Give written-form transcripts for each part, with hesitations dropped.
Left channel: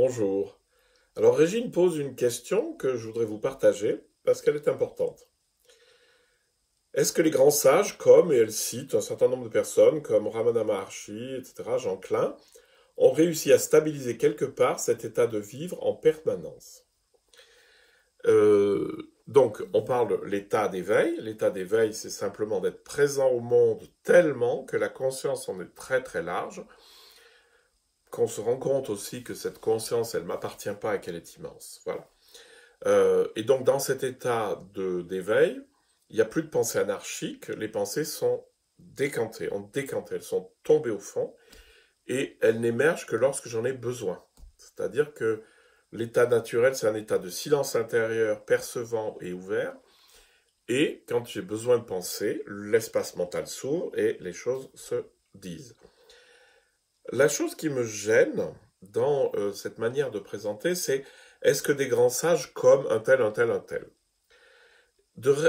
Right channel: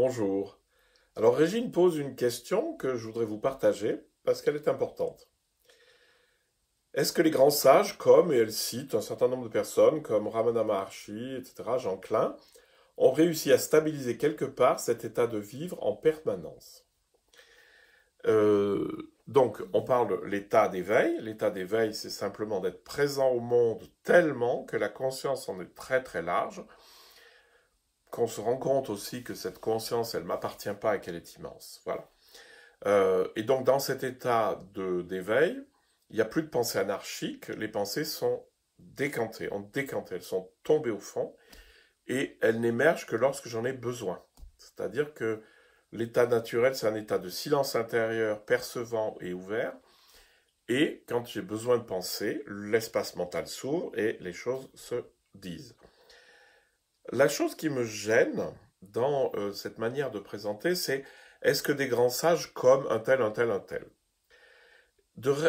Bonjour. Alors Régine pose une question que je voudrais vous partager parce qu'elle est importante. Est-ce que les grands sages, comme, et elle cite un certain nombre de personnes, comme Ramana Maharshi, etc., Jean Klein, ont réussi à stabiliser quelque part cet état de vivre en permanence? Donc, on parle de l'état d'éveil. L'état d'éveil, c'est simplement d'être présent au monde tellement que la conscience en est très très large, qu'on se rend compte aussi que cette conscience, elle ne m'appartient pas et qu'elle est immense. Voilà. Et donc, dans cet état d'éveil, il n'y a plus de pensée anarchique, les pensées sont décantées, ont décanté, elles sont tombées au fond, et elles n'émergent que lorsque j'en ai besoin. C'est-à-dire que l'état naturel, c'est un état de silence intérieur, percevant et ouvert, et quand j'ai besoin de penser, l'espace mental s'ouvre et les choses se disent. La chose qui me gêne dans cette manière de présenter, c'est est-ce que des grands sages comme un tel, un tel, un tel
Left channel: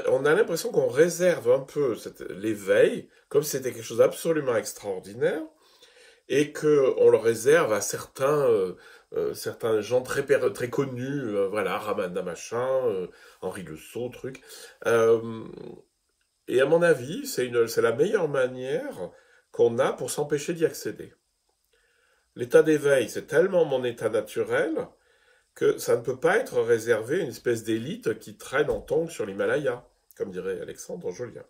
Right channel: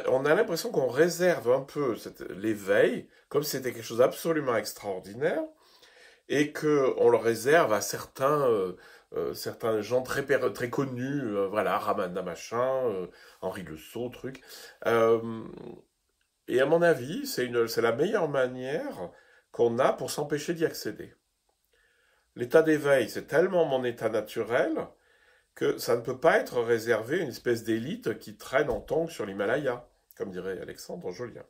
on a l'impression qu'on réserve un peu l'éveil comme si c'était quelque chose d'absolument extraordinaire et qu'on le réserve à certains gens très connus, voilà, Ramana machin, Henri Le Sceau, truc. Euh, et à mon avis, c'est la meilleure manière qu'on a pour s'empêcher d'y accéder. L'état d'éveil, c'est tellement mon état naturel que ça ne peut pas être réservé à une espèce d'élite qui traîne en tongs sur l'Himalaya, comme dirait Alexandre Jolien.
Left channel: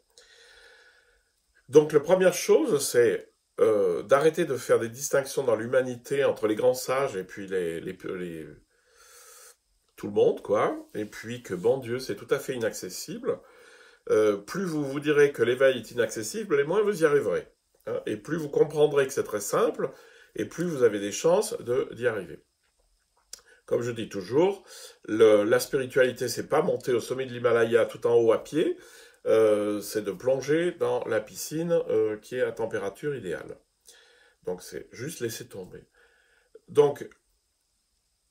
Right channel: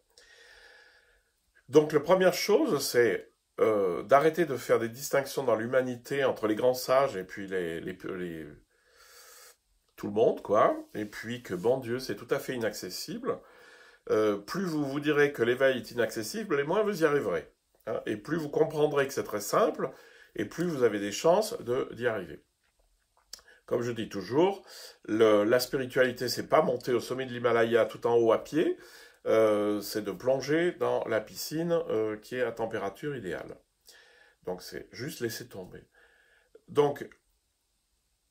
Donc la première chose, c'est d'arrêter de faire des distinctions dans l'humanité entre les grands sages et puis tout le monde, quoi, et puis que, bon Dieu, c'est tout à fait inaccessible. Plus vous vous direz que l'éveil est inaccessible, et moins vous y arriverez. Hein, et plus vous comprendrez que c'est très simple, et plus vous avez des chances d'y arriver. Comme je dis toujours, la spiritualité, c'est pas monter au sommet de l'Himalaya tout en haut à pied, c'est de plonger dans la piscine qui est à température idéale. Donc c'est juste laisser tomber. Donc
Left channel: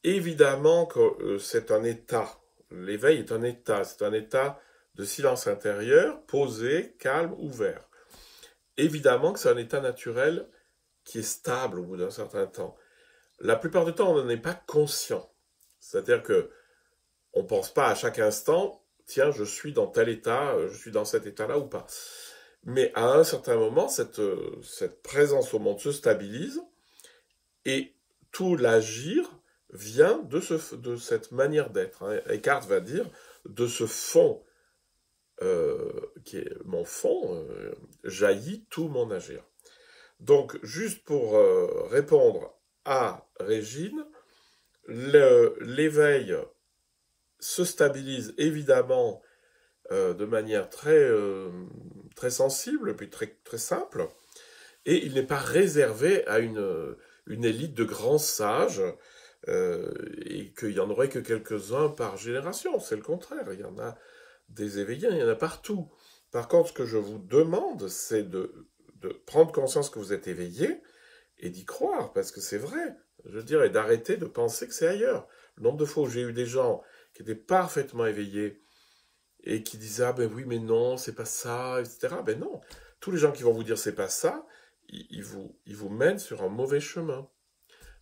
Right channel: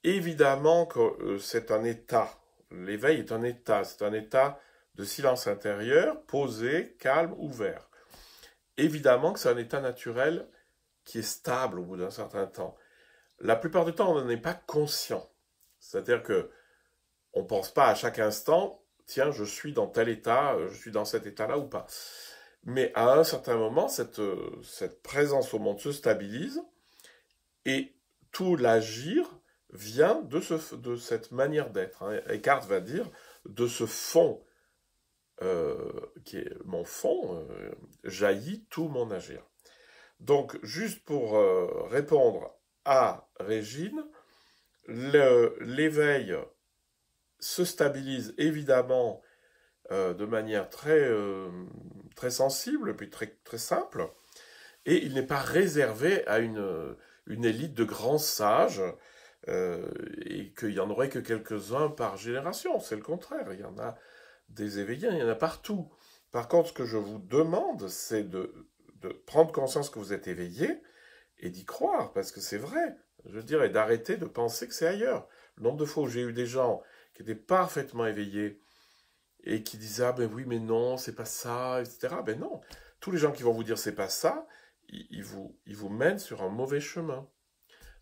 évidemment que c'est un état, l'éveil est un état, c'est un état de silence intérieur, posé, calme, ouvert. Évidemment que c'est un état naturel qui est stable au bout d'un certain temps. La plupart du temps, on n'en est pas conscient. C'est-à-dire que on ne pense pas à chaque instant, tiens, je suis dans tel état, je suis dans cet état-là ou pas. Mais à un certain moment, cette présence au monde se stabilise et tout l'agir vient de cette manière d'être. Hein. Eckhart va dire de ce fond, qui est mon fond, jaillit tout mon agir. Donc, juste pour répondre à Régine, l'éveil se stabilise évidemment de manière très sensible, puis très simple, et il n'est pas réservé à une élite de grands sages, et qu'il n'y en aurait que quelques-uns par génération. C'est le contraire, il y en a des éveillés, il y en a partout. Par contre, ce que je vous demande, c'est de prendre conscience que vous êtes éveillé et d'y croire, parce que c'est vrai. Je dirais d'arrêter de penser que c'est ailleurs. Le nombre de fois où j'ai eu des gens qui étaient parfaitement éveillés et qui disaient ah ben oui mais non c'est pas ça, etc. Ben non, tous les gens qui vont vous dire c'est pas ça, ils vous mènent sur un mauvais chemin.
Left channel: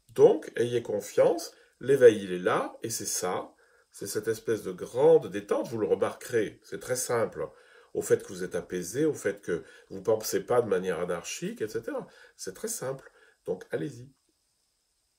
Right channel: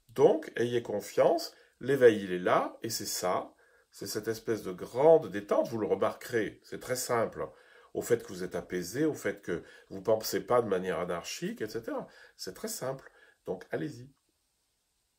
Donc ayez confiance, l'éveil il est là et c'est ça, c'est cette espèce de grande détente. Vous le remarquerez, c'est très simple. Au fait que vous êtes apaisé, au fait que vous ne pensez pas de manière anarchique, etc. C'est très simple. Donc allez-y.